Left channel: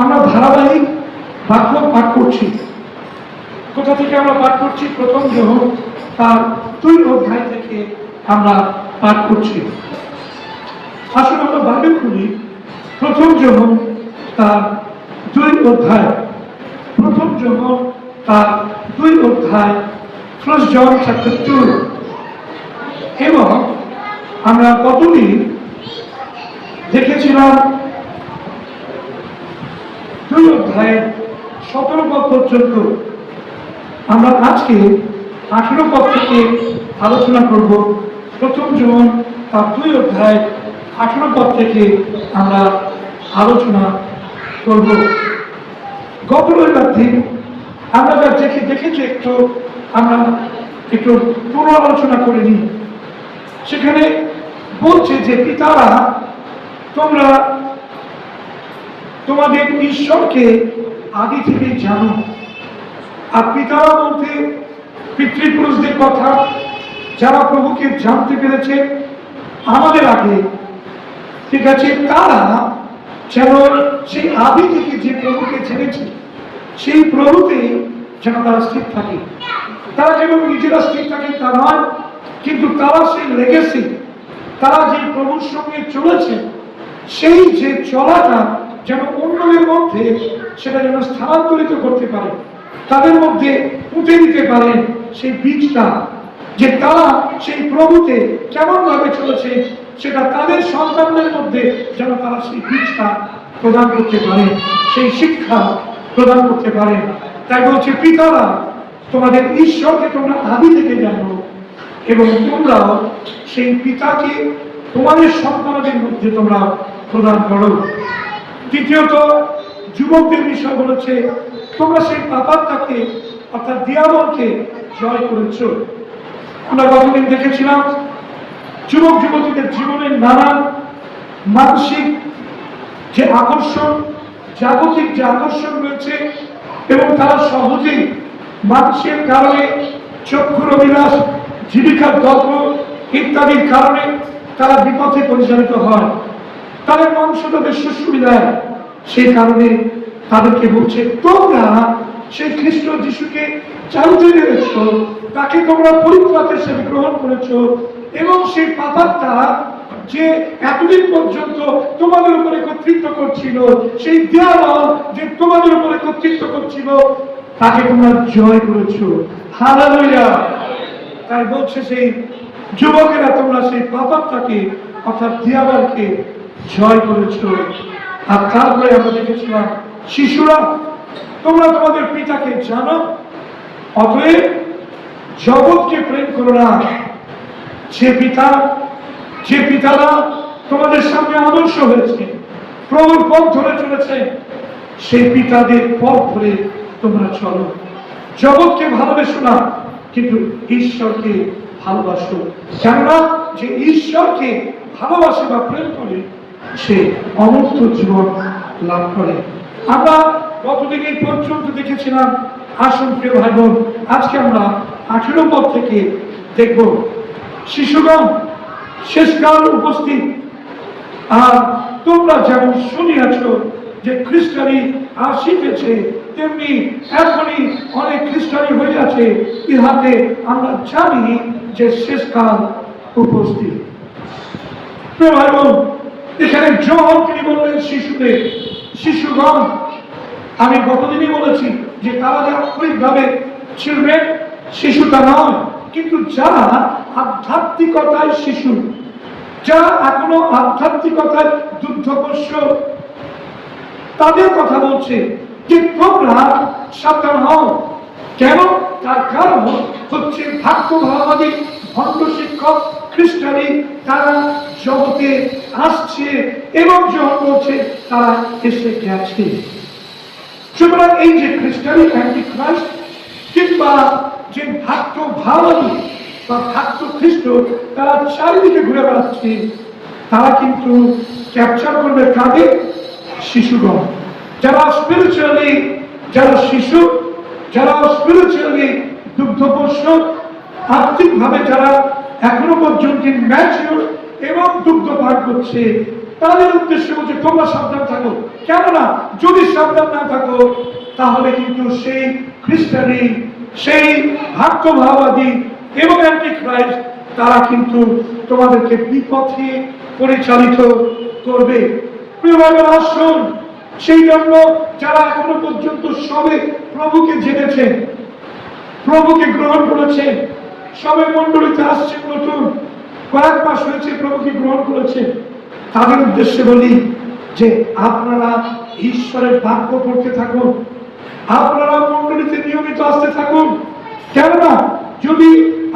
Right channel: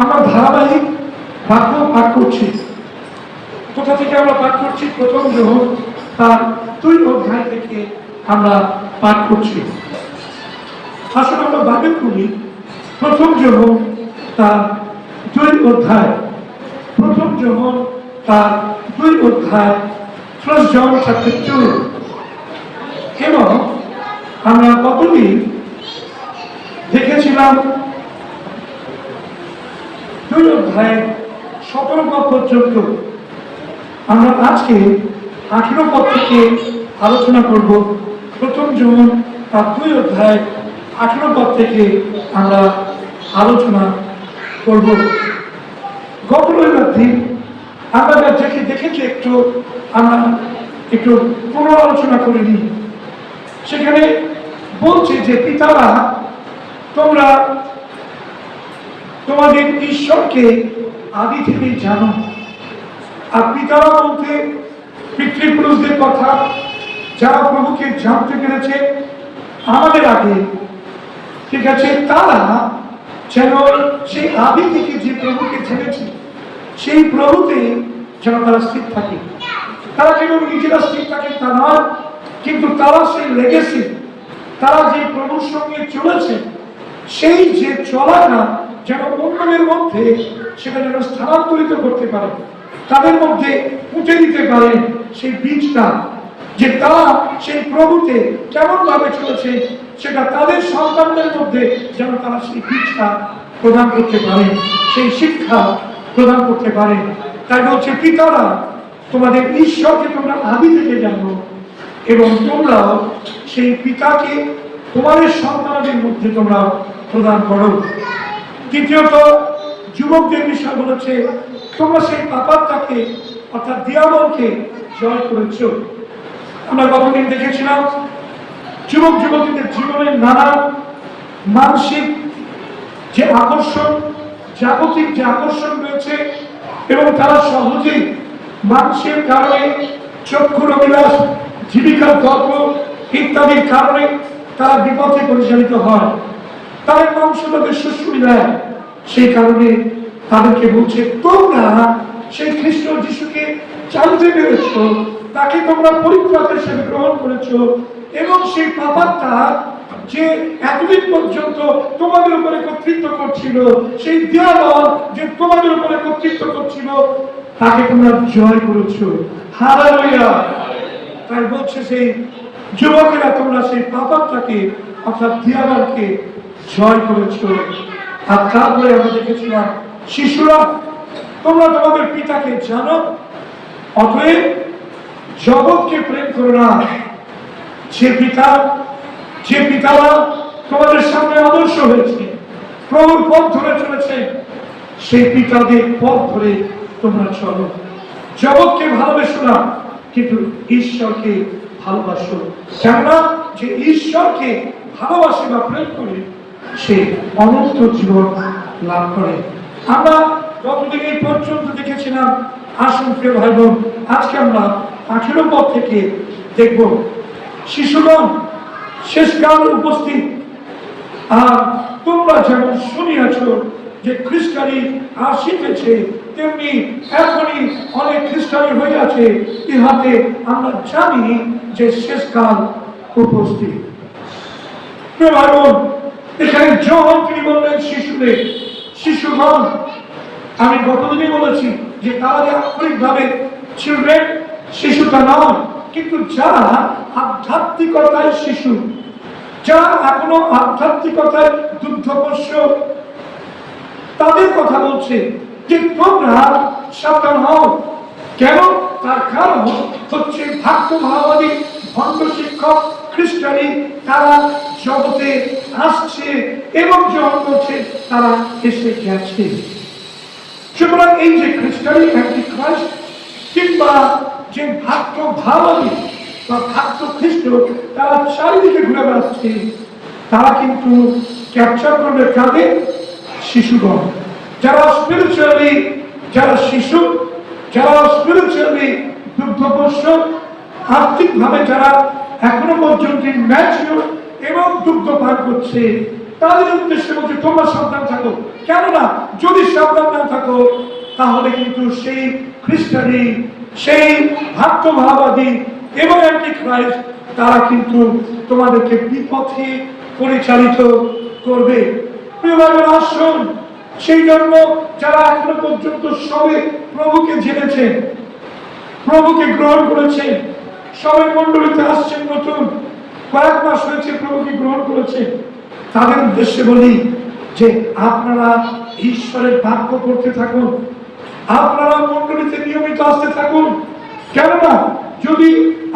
আমরা ধারাবাহিক বাক্য পাঠ করছি। কোথা থেকে আমরা পাঠ করছি? প্রথম যোহন তার 2 অধ্যায় থেকে আমরা পাঠ করছি। আসুন আমরা বাইবেল খুলি, প্রথম যোহন তার 2 অধ্যায়। প্রথম যোহন তার 2 অধ্যায়, 1 John chapter 2। এবং আমরা কতদিন দেখেছিলাম 2 অধ্যায়ের 17 পদ পর্যন্ত। আমরা আজকে 18 পদ থেকে আলোচনা করব। প্রথম যোহন তার 2 অধ্যায় 18 পদ থেকে আমরা আলোচনা করব। গত রবিবার দিন আমরা যা দেখেছি আমরা একটু পুরো আলোচনা করে নিই। সেখানে বলছে যে পিতারা, তোমরা তোমাদের ঈশ্বরকে আদি থেকে জানো। আর পিতারা বলতে পিতৃপুরুষদের কথা, যারা প্রভুকে জানতে পেরেছে আমাদের আগে, ঠিক আছে, তারা যেন সেই আদি থেকে যে প্রভুকে জেনেছে সেই প্রভুতে যেন তারা স্থির থাকে। তারা যেন নিজেরা স্থির থাকে তা নয়, কিন্তু তারা সেই লেগেছে, তারা যে প্রভুর সঙ্গে চলেছে সেই যে চলাটা যেন অন্যদের মধ্যে সেটা যেন স্থানান্তরিত করতে পারে, তাদের মধ্যে পুঁতে দিতে পারে সেই বীজটা, যে তারা সেই প্রভুতে কেমন ভাবে চলেছে সেটা তাদের সন্তানদের মধ্যে যেন তারা সেই বীজটা প্রদান করতে পারে, সেই শিক্ষা প্রদান করতে পারে। তাই বলছে পিতারা, তোমাদের ঈশ্বরকে তোমরা আদি থেকে জানো এবং তোমরা সেই পিতাকে তোমাদের সন্তানদের মধ্যে তোমরা প্রদান করো। দ্বিতীয়ত যুবকদের বিষয় বলেছে, তোমরা সেই পাপাত্মাকে অর্থাৎ দিয়াবলকে জয় করেছ। আমরা গতদিন দেখেছিলাম যুবক যুবতীদের জীবনের নানা মানসিক যে আকর্ষণ, জাগতিক যে আকর্ষণ রয়েছে, এবং তারা সহজেই মানুষের কারণে চক্ষুর অভিলাষ, জীবিকার দর্প ইত্যাদির কারণে তারা বিপথে পরিচালিত হয়। তাদের মাংস তাদের সুবিধায়, সেই কারণে তাদেরকে বলছে তোমরা সেই খ্রিস্ট যিশুকে জানতে পেরেছ, তাকে তোমরা পরিত্রাতা হিসেবে গ্রহণ করেছ, এবং সেই পাপাত্মা যে এতদিন পর্যন্ত তোমাদের উপরে কর্তৃত্ব করছিল, সেই দিয়াবল যে তোমাদের উপরে কর্তৃত্ব করছিল, তাকে তোমরা জয় করেছো। হালেলুয়া। তাই বলছে সেই যুবকেরা, তোমরা সেই পাপাত্মাকে অর্থাৎ দিয়াবলকে জয় করেছো। আর তারপরে আমরা দেখেছিলাম শিশুরা, তোমরা তোমাদের পিতাকে জানো, অতএব জগৎকে প্রেম করো না। যে পিতারা তোমাদের সামনে আদর্শ হয়েছে, প্রভুর পথ ধরে চলেছে, সেই পিতাদের পথ ধরে তোমরা চলো। জগৎকে ভালোবেসো না, কিন্তু ঈশ্বরকে ভালোবাসো। কেননা যে ঈশ্বরকে ভালোবাসে বা প্রেম করে সে অনন্ত জীবন লাভ করে। আমরা গতদিন এই পর্যন্ত দেখেছিলাম। আসুন প্রিয় ভাই বোন, আজকে আমরা 18 পদ থেকে দেখব। শিশুগণ, শেষকাল উপস্থিত, আর তোমরা যেমন শুনিয়াছ যে খ্রিস্টানি আসিতেছে, তেমনি এখনই অনেক খ্রিস্টানি হইয়াছে, ইহাতে আমরা জানি যে শেষকাল উপস্থিত। প্রিয় ভাই বোন, এখানে যখন তিনি বললেন শিশুদের, শিশুগণ, আমি গতদিনই বলেছি যে তারা যে আক্ষরিকভাবে চিলড্রেন, শিশুটা নয়, কিন্তু যারা আধ্যাত্মিকতায় শিশু, যারা এখনো আধ্যাত্মিকতায় দুগ্ধপোষ্য, তাদের কথা বলছে যে তোমরা সাবধান হও। কেন? তার কারণ হচ্ছে ভাগ্যভাবাদী ভণ্ড শিক্ষক খ্রিস্টানি তারা জগতে আসছে এবং যখন বলছে তারা এসে গেছে। সুতরাং এই যে খ্রিস্টানি অ্যান্টিক্রাইস্ট কিংবা যে ভাগ্যভাবাদী বা ভাগ্য খ্রিস্ট, তারা চারিদিকে ঘুরে বেড়াচ্ছে, তারা কিন্তু ক্যাপচার করবে কাদের? শিশুগণ, যারা স্পিরিচুয়ালি, যারা শিশু, যারা স্পিরিচুয়ালি দুগ্ধপোষ্য, আর্থিকভাবে যারা এখনো পর্যন্ত ম্যাচিওর এবং দুগ্ধ পান করছে, তাদের উদ্দেশ্যে বলছে তোমরা সাবধান থাকো। কেননা যদি সাবধান না থাকো তাহলে কিন্তু সেই খ্রিস্টানি, সেই ভাক্তভাবাদী এবং অ্যান্টিখ্রাইস্ট তারা কিন্তু তোমাদেরকে বিপথে পরিচালিত করবে। প্রিয় ভাইরা, আসুন সেই জন্য যারা এখনো পর্যন্ত সবে প্রভুকে জেনেছেন, প্রভুকে গ্রহণ করেছেন, সবে মণ্ডলীতে আসছেন, নতুন কয়েক মাস হয়েছে প্রভুকে গ্রহণ করেছেন, তাদের উদ্দেশ্যে বলি যে আপনারা ঈশ্বরের বাক্য পড়তে থাকুন, আপনারা মণ্ডলীতে নিয়মিত আসতে থাকুন। কেননা যদি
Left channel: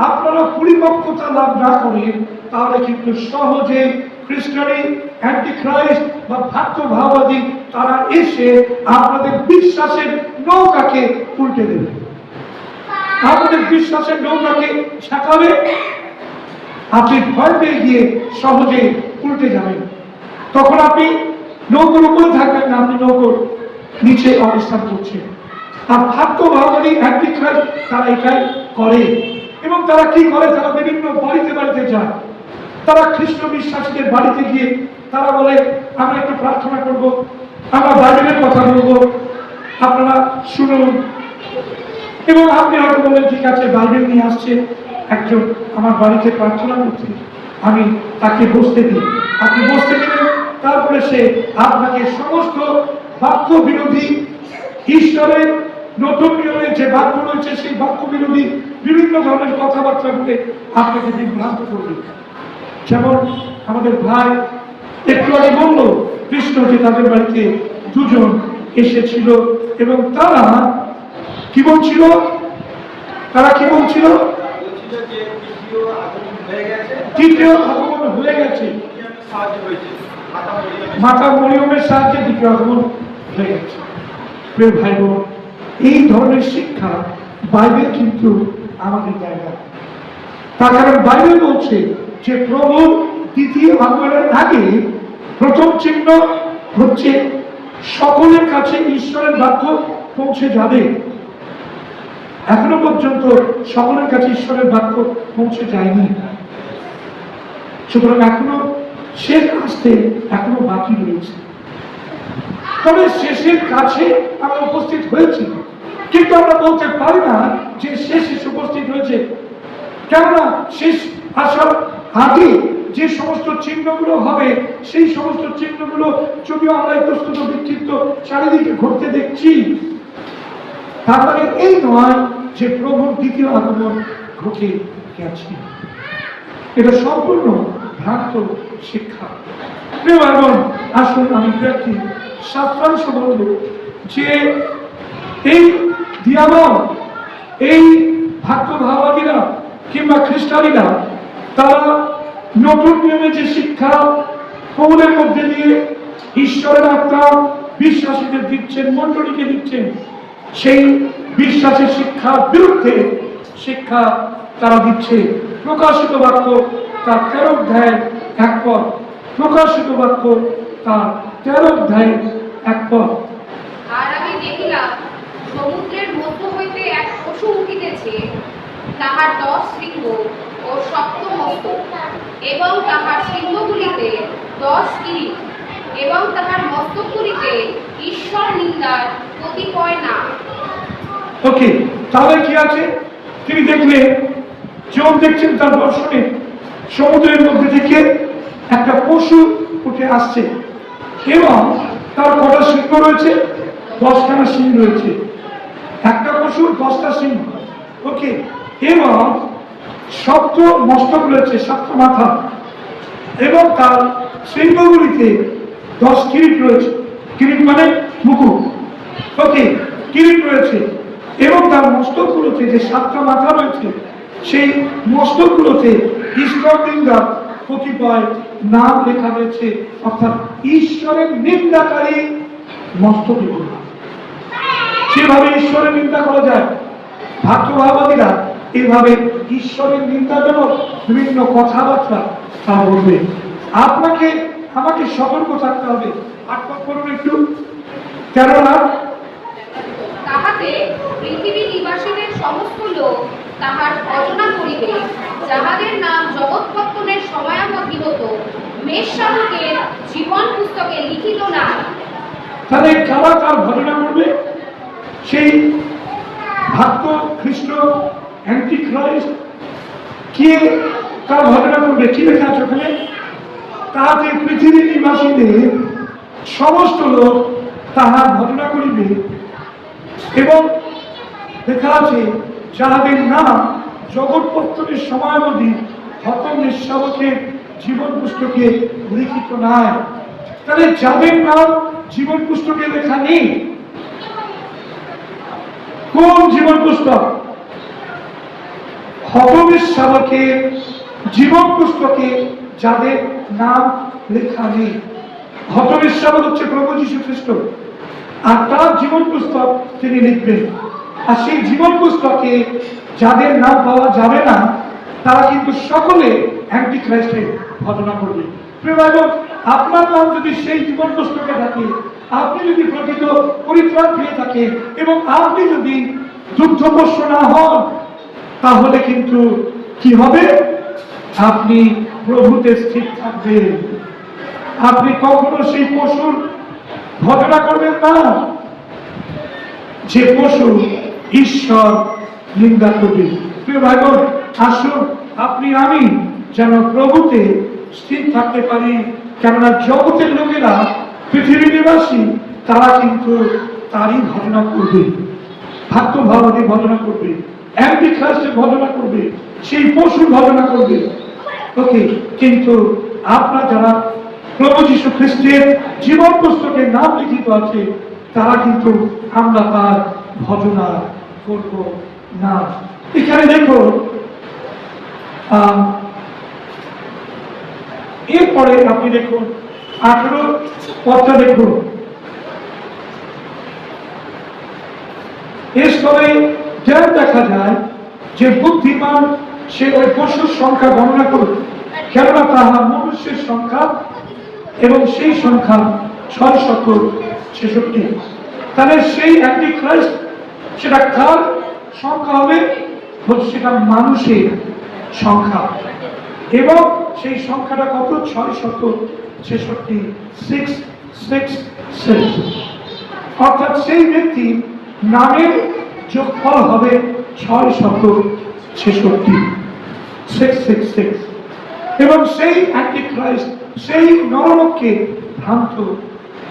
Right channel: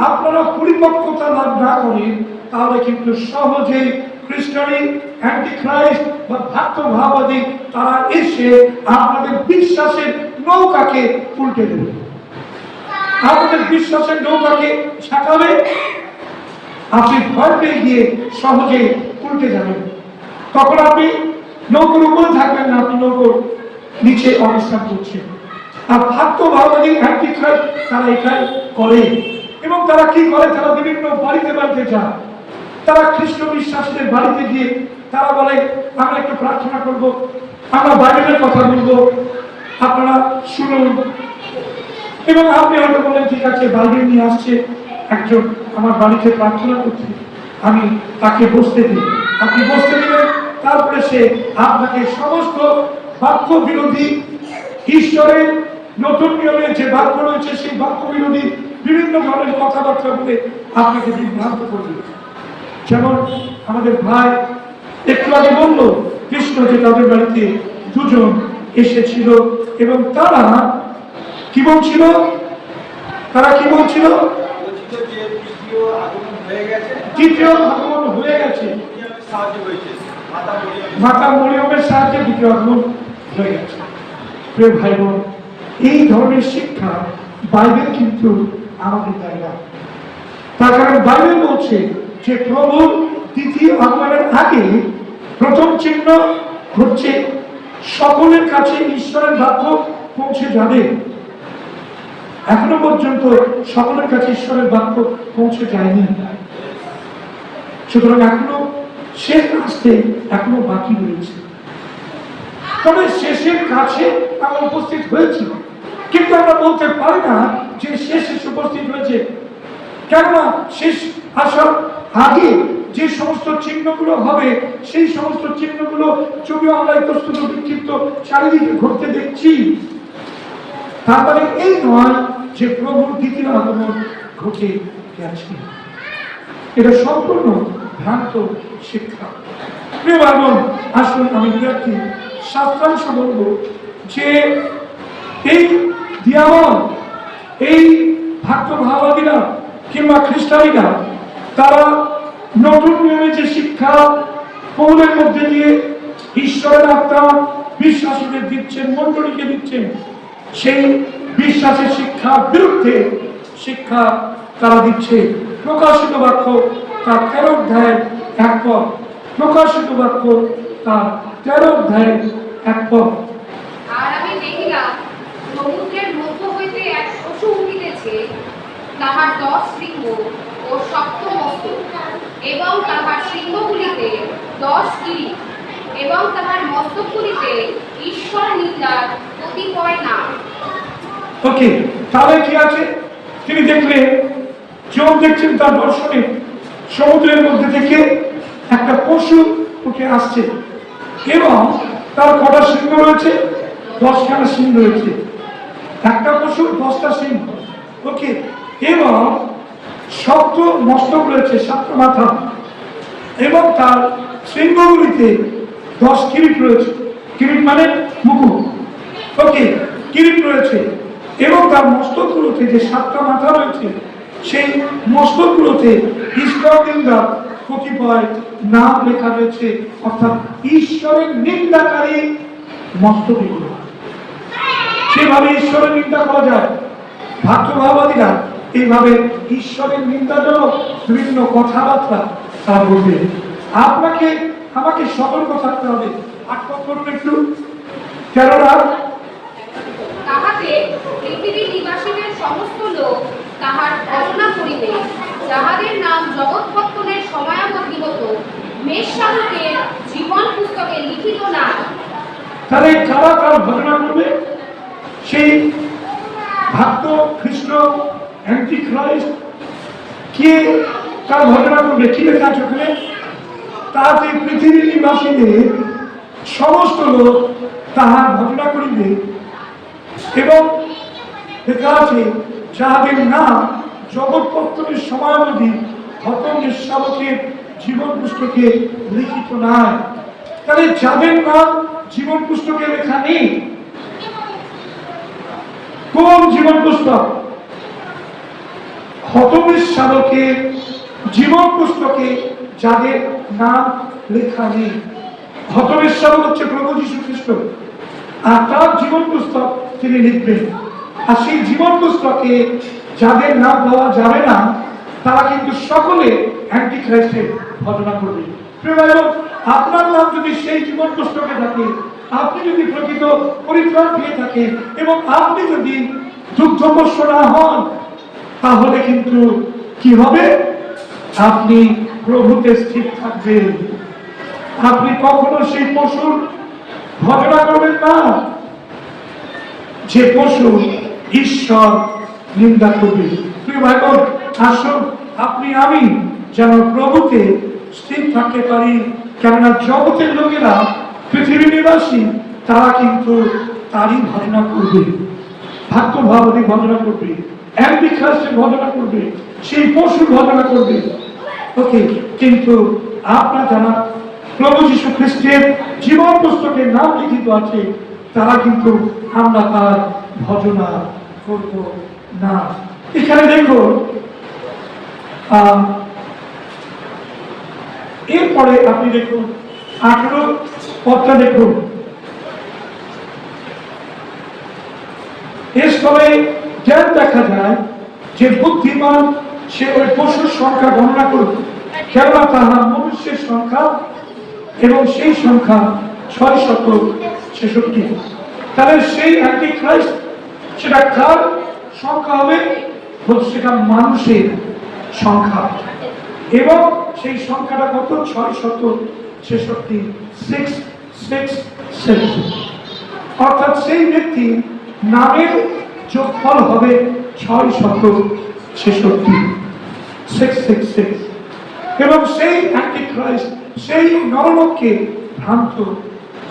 আপনারা পরিপক্কতা লাভ না করেন তাহলে কিন্তু সহজে খ্রিস্টানি, অ্যান্টিখ্রাইস্ট বা ভাক্তভাবাদী তারা এসে আপনাদের বিশ্বাসের নৌকাকে উল্টে দেবে, আপনাদের বিশ্বাসের নৌকাকে ঠেকাবে, আপনি ভয় পেয়ে গিয়ে সহজে উল্টে যাবেন। তখন আপনি নৌকোর উপরে থাকবেন না, আপনি নৌকোর নিচে অবস্থান করছেন। আর ভাক্তভাবাদী অ্যান্টিখ্রাইস্ট তারা এটাই করে। এবং তারা কি করে? তারা বিভিন্ন বাড়িতে বাড়িতে যায়, তারা খ্রিস্ট বিশ্বাসীদের বাড়িতে গিয়ে তারা বলে আমরা একটু প্রার্থনা করব, আমরা বাইবেলের কথা বলবো, আপনারা শুনুন। এবং আপনি হয়তো বলেন ঠিক আছে, বাইবেল নিয়ে আসছে একজন আমার বাড়িতে প্রার্থনা করছে, আমি তাকে বসতে দিই। আপনি বসতে দিলেন, তারপরে সে আপনাকে সমস্ত বাক্য বিরোধী, ঈশ্বরের নতুন নিয়মের যে বাক্য রয়েছে সেই বাক্য বিরোধী বিভিন্ন ধরনের কথাবার্তা বলে আপনাকে বিভ্রান্ত করবে। যেমন আমাদের ভাই একটু আগে বলল কৃষ্ণ যে তাদের বাড়িতে দুজন এসেছিল এবং তারা কি বলছিল? তারা কি বলছিল? তৃতীয় আগমন হয়ে গেছে, মাতা মরিয়মের সাহায্যে দ্বিতীয় আগমন হয়ে গেছে। প্রিয় ভাই বোন, এই ধরনের শিক্ষা বাইবেল কিন্তু আমাদের দেয় না। তার কারণ বাইবেল বলছে যে প্রভুর দ্বিতীয় আগমনের আগে প্রথম চিহ্ন হচ্ছে সকলের কাছে ঈশ্বরের বাক্য পৌঁছে যাবে। এখনো পর্যন্ত সকলের কাছে ঈশ্বরের বাক্য পৌঁছে যায়নি, সুতরাং এখনো শেষ আসতে এখনো বাকি রয়েছে। তবে শেষের কাছে আমরা উপস্থিত হয়েছি, কিন্তু আমরা বলতে পারি না যে শেষ এসে উপস্থিত হয়েছে। কেননা শেষ আসার আগে যে সমস্ত চিহ্নগুলো হবে সেই সমস্ত চিহ্নগুলো যদিও আমরা ইতস্তত বিক্ষিপ্ত চারিদিকে ঘটতে দেখছি, তার মানে এই নয় যে প্রভুর দ্বিতীয় আগমন ঘটে গেছে। এটা সম্পূর্ণ ভ্রান্ত শিক্ষা। প্রিয় ভাই বোন, আসুন আমি একটি শাস্ত্রাংশ বলব যে এই দিয়াবল, এই ভাক্তভাবাদীরা কিংবা খ্রিস্টানিরা তারা নতুন নিয়মে যে শিক্ষা পৌলের মধ্যে দিয়ে ঈশ্বরের আত্মা বিশ্বাসীদের দিচ্ছেন, মণ্ডলীকে দিচ্ছেন, সেই বিশ্বাসের শিক্ষার বিরুদ্ধে শিক্ষা তারা দিচ্ছে। প্রকাশিত বাক্য তার 13 অধ্যায়ের 1 পদ, প্রকাশিত বাক্য তার 13 অধ্যায়ের 1 পদ। আর আমি দেখিলাম সমুদ্রের মধ্য হইতে এক পশু উঠিতেছে, তাহার 10 শৃঙ্গ ও সপ্ত মস্তক, এবং তাহার শৃঙ্গগুলিতে 10 কিরীট, এবং তাহার মস্তকগুলিতে ঈশ্বর নিন্দার কতিপয় নাম। ওকে, তাহলে কি আছে? তিনি দেখলেন, যোগ দেখছেন তার দর্শনে সমুদ্রের মধ্যে থেকে একটা পশু উঠে আসছে এবং তার কটা সিংহ রয়েছে? 10খানা সিং রয়েছে। একটা পশুর 10টা সিং, ওকে, এবং সপ্ত মস্তক রয়েছে, 7টা মাথা, এবং তার সিংহগুলিতে 10 কিরীট রয়েছে। কিরীট মানে মুকুট, ওকে, কিরীট রয়েছে। এবং তার মস্তকগুলোতে যে 7টা মাথা রয়েছে সেই মস্তকগুলোতে ঈশ্বর নিন্দার কতিপয় নাম লেখা রয়েছে, অর্থাৎ ঈশ্বরের নিন্দাকারী মস্তকগুলো। সেভাবে ঈশ্বরের নিন্দা করা যায়। ভাক্তভাবাদীরা এইভাবে ঈশ্বরের নিন্দাজনক বিভিন্ন কথাবার্তা তা বলবে। আপনাকে আমাকে সতর্ক থাকতে হবে। 8 পদ করুন একটু। কেননা তাহাতে পৃথিবীর নিবাসীদের সমস্ত লোক তাহার ভজনা করিবে, যাহাদের নাম জগৎপত্তনের সময়াবধি হতো মেষশাবকের জীবন পুস্তকে লিখিত নাই। তাহলে কারা কার ঘটনা করবে? সেই ভক্ত খ্রিস্ট অ্যান্টি খ্রাইস্ট কে তার ঘটনা করবে? কি লেখা আছে ওখানে? তাহাতে পৃথিবীর নিবাসীদের সমস্ত লোক তাহার ঘটনা করিবে, এবং লেখা আছে যাহাদের নাম জগৎ পত্তনের সময়াবধি হত নিঃশাবকের জীবন পুস্তকে লিখিত নাই। তাহলে যাদের নাম জীবন পুস্তকে লেখা নেই, কোন জীবন পুস্তক? হতবিশ্বাবকের জীবন পুস্তকে যাদের নাম লেখা নেই। হতবিশ্বাবক হচ্ছে প্রভু যীশু খ্রিস্ট, আর তার জীবন পুস্তক তিনি লিখবেন। আর সেই জীবন পুস্তকে যাদের নাম পাওয়া যাবে না, তারা কিন্তু সকলে অ্যান্টি খ্রাইস্টের ঘটনা করবে। প্রিয় ভাই বোন, আপনার নাম যদি সেই জীবন পুস্তকে থাকে, আপনি যদি প্রকৃত পরিত্রাণ পেয়ে থাকেন এবং আপনি যদি দুগ্ধপোষ্য না হন, তাহলে কিন্তু কি হবে? আপনি প্রভুতে স্থির থাকবেন। আপনি কখনো সেই পশুর ঘটনা করবেন না, যে পশু ঈশ্বর নিন্দা করবে। প্রিয় ভাই বোন, আসুন আপনি আমি যেন প্রভুতে স্থির থাকতে পারি। কেননা জগতের লোকেরা, পৃথিবী নিবাসী, তারা কিন্তু তারই ঘটনা করবে, ভক্ত ভাবনের ঘটনা করবে, অ্যান্টিখ্রাইস্টের ঘটনা করবে, সেই পশুর ঘটনা করবে। ওকে, কিন্তু আপনার যারা প্রভু যীশু খ্রিস্টের জীবন পুস্তকের নাম লিখিত আছে, তারা কিন্তু আমরা তার ঘটনা করব না। এখানে দেখো, এরপরে আপনি দেখুন 18 পদটা দেখুন। এর স্থলে জ্ঞান দেখা যায় যে বুদ্ধিমান সে ওই পশুর সংখ্যা গণনা করুক, কেননা তাহা মনুষ্যের সংখ্যা, এবং সেই সংখ্যা 666। তাহলে সেই অ্যান্টি খ্রাইস্ট, সেটা কার সংখ্যা হবে? সেটা মানুষের সংখ্যা, এবং সেই সংখ্যাটা কত? 666। অর্থাৎ সেই ব্যক্তি নামের যোগফল হবে 666, এবং সেই অ্যান্টি খ্রাইস্ট সেই নরলোককে ভ্রান্ত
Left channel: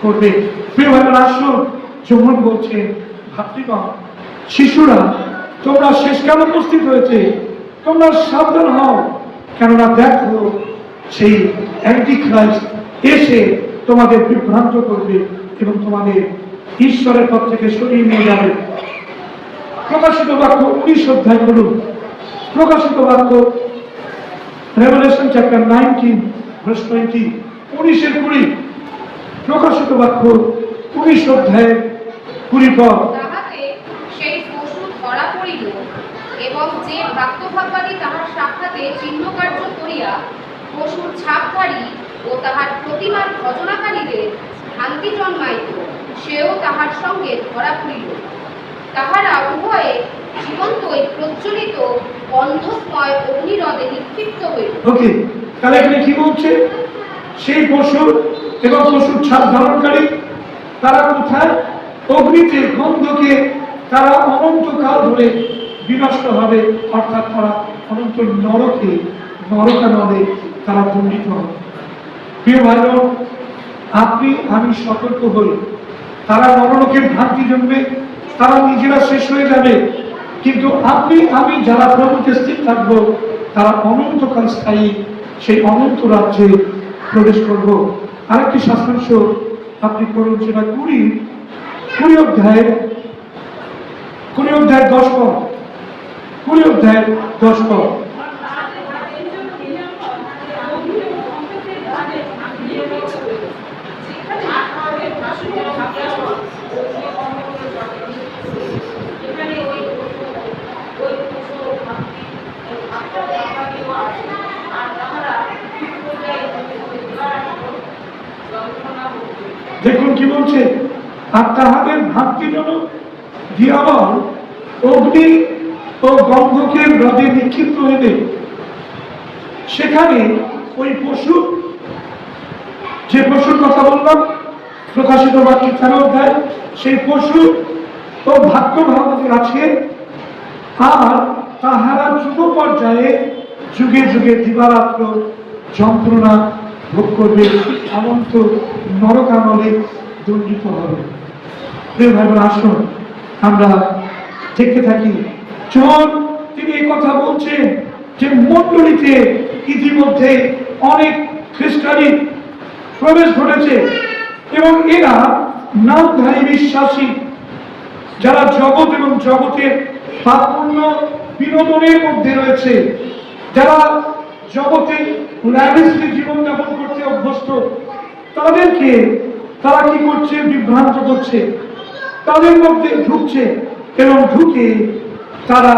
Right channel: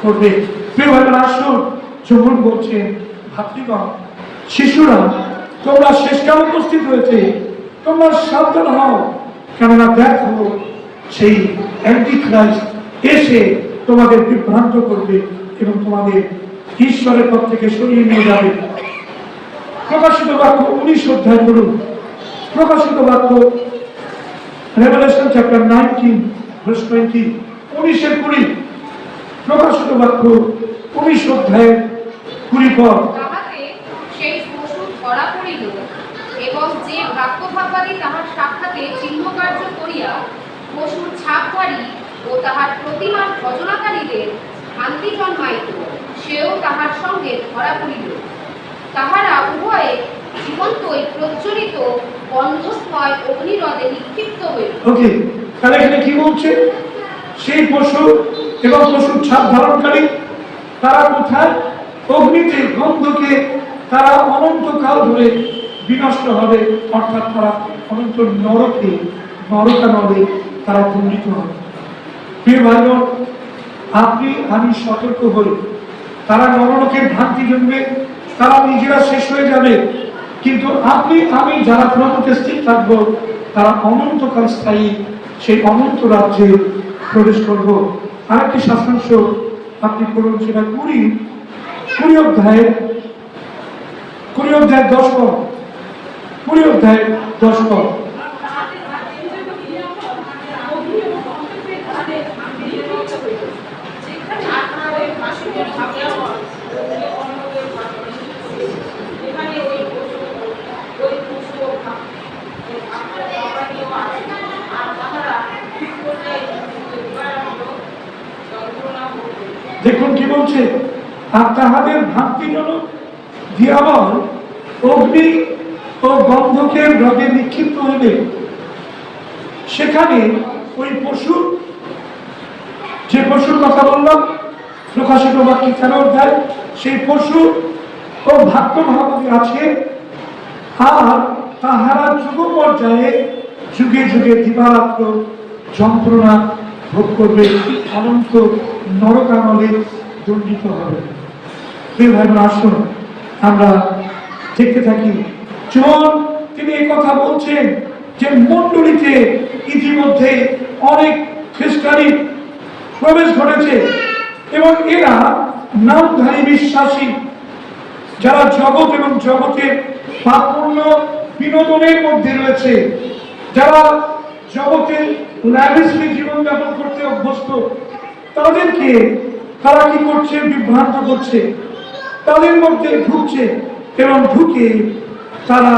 করবে। প্রিয় ভাইরা, আসুন, যখন বলছেন ভাতৃগণ, শিশুরা তোমরা শেষকাল উপস্থিত হয়েছে, তোমরা সাবধান হও, কেননা দেখো সেই অ্যান্টি খ্রাইস্ট এসে তোমাদের বিভ্রান্ত করবে এবং তোমাদের ঈশ্বরের পথ থেকে সরিয়ে নিয়ে যাবে। প্রকাশিত বাক্য 19 অধ্যায় করুন। প্রকাশিত বাক্য Revelation chapter 19 verse 20, 19-20। প্রকাশিত বাক্য 19 অধ্যায় 20 পদ। তাহাতে সেই পশু ধরা পড়িল, এবং যে ভ্রাতৃভাববাদী তাহার সাক্ষাতে চিহ্নকার্য করিয়া পশুর ছাপধারী ও তাহার প্রতিমার ভজনাকারীদের ভ্রান্তি জন্মাইত, সেও তাহার সঙ্গে ধরা পড়িল। তাহারা উভয়ে জীবন্তই প্রজ্বলিত গন্ধময় অগ্নিরদে নিক্ষিপ্ত হইল। ওকে, তাহলে এখানে কি বলছে? সেই পশু এবং পশুর ছাপ ধারণকারী তারা কোথায়? অগ্নিতে, গন্ধকে তারা অনন্তকাল ধরে বিনষ্ট হবে, অর্থাৎ তারা অনন্ত নরকে, নরকানলে তারা দণ্ডিত হবে। প্রিয় ভাই বোন, আপনি আমি সতর্ক হই, তারা নরলোকের ভ্রান্তি জন্মে, তারা নিজেরা শেষ হয়ে যাবে, কিন্তু আপনি আমি যারা প্রভুতে স্থির থাকবো, তারা অনন্তকাল স্থায়ী সেই অনন্ত রাজ্যে প্রবেশ করব। আরেকটি শাস্ত্রাংশ আপনি পড়ুন, সেটা 20 অধ্যায় 10 পদ। 20 অধ্যায় 10 পদ। দেখুন কি বলছে, আর তাহাদের ভ্রান্তিজনক দিয়াবল অগ্নি ও গন্ধকের হ্রদে নিক্ষিপ্ত হইবে। সেখানে ওই পশু যে পশুর কথা বললাম প্রকাশিত বাক্য 13 অধ্যায়, সেই পশু ও ভাগ্য ভাবাদী আছে, আর তাহারা যুগ পর্যায়ে যুগে যুগে দিবারাত্র যন্ত্রণা ভোগ করবে, অনন্ত নরকানলে দণ্ডিত হবে। প্রিয় ভাই বোন, আসুন আমরা দেখতে থাকি। জন তিনি এই কথা বলছেন যে মণ্ডলীতে ইতিমধ্যে অনেক খ্রিস্টানি প্রবেশ ঘটেছে এবং এরা নামধারী বিশ্বাসী, যারা জগৎ এবং জগতের পাপপূর্ণ বিনোদনের মধ্যে রয়েছে, যারা জগতের ল্যাভিশলি জীবনযাপন করতে অভ্যস্ত, তাদেরকে তারা কি করছে? বিভ্রান্ত করছে, তাদের মধ্যে ঢুকছে এবং ঢুকে তারা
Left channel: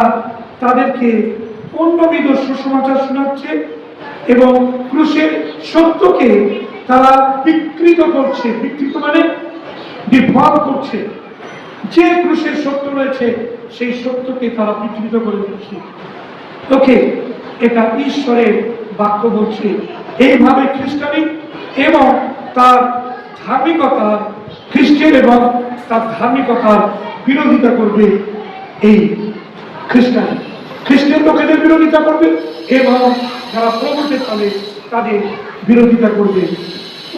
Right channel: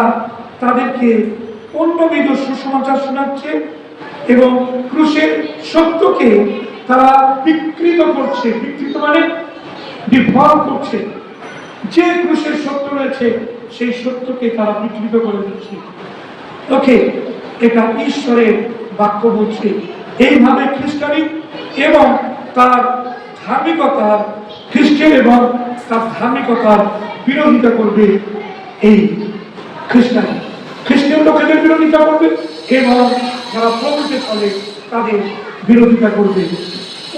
তাদেরকে অন্যবিধ সুসমাচার শোনাচ্ছে এবং ক্রুশের সত্যকে তারা বিকৃত করছে। বিকৃত মানে বিভ্রাম করছে। যে ক্রুশের সত্য রয়েছে সেই সত্যকে তারা বিকৃত করে দিচ্ছে। ওকে, এটা ঈশ্বরের বাক্য বলছে। এইভাবে খ্রিস্টানি এবং তার ধার্মিকতার, খ্রিস্টান এবং তার ধার্মিকতার বিরোধিতা করবে এই খ্রিস্টানি। খ্রিস্টান লোকেদের বিরোধিতা করবে এবং যারা প্রভুতে চলে তাদের বিরোধিতা করবে।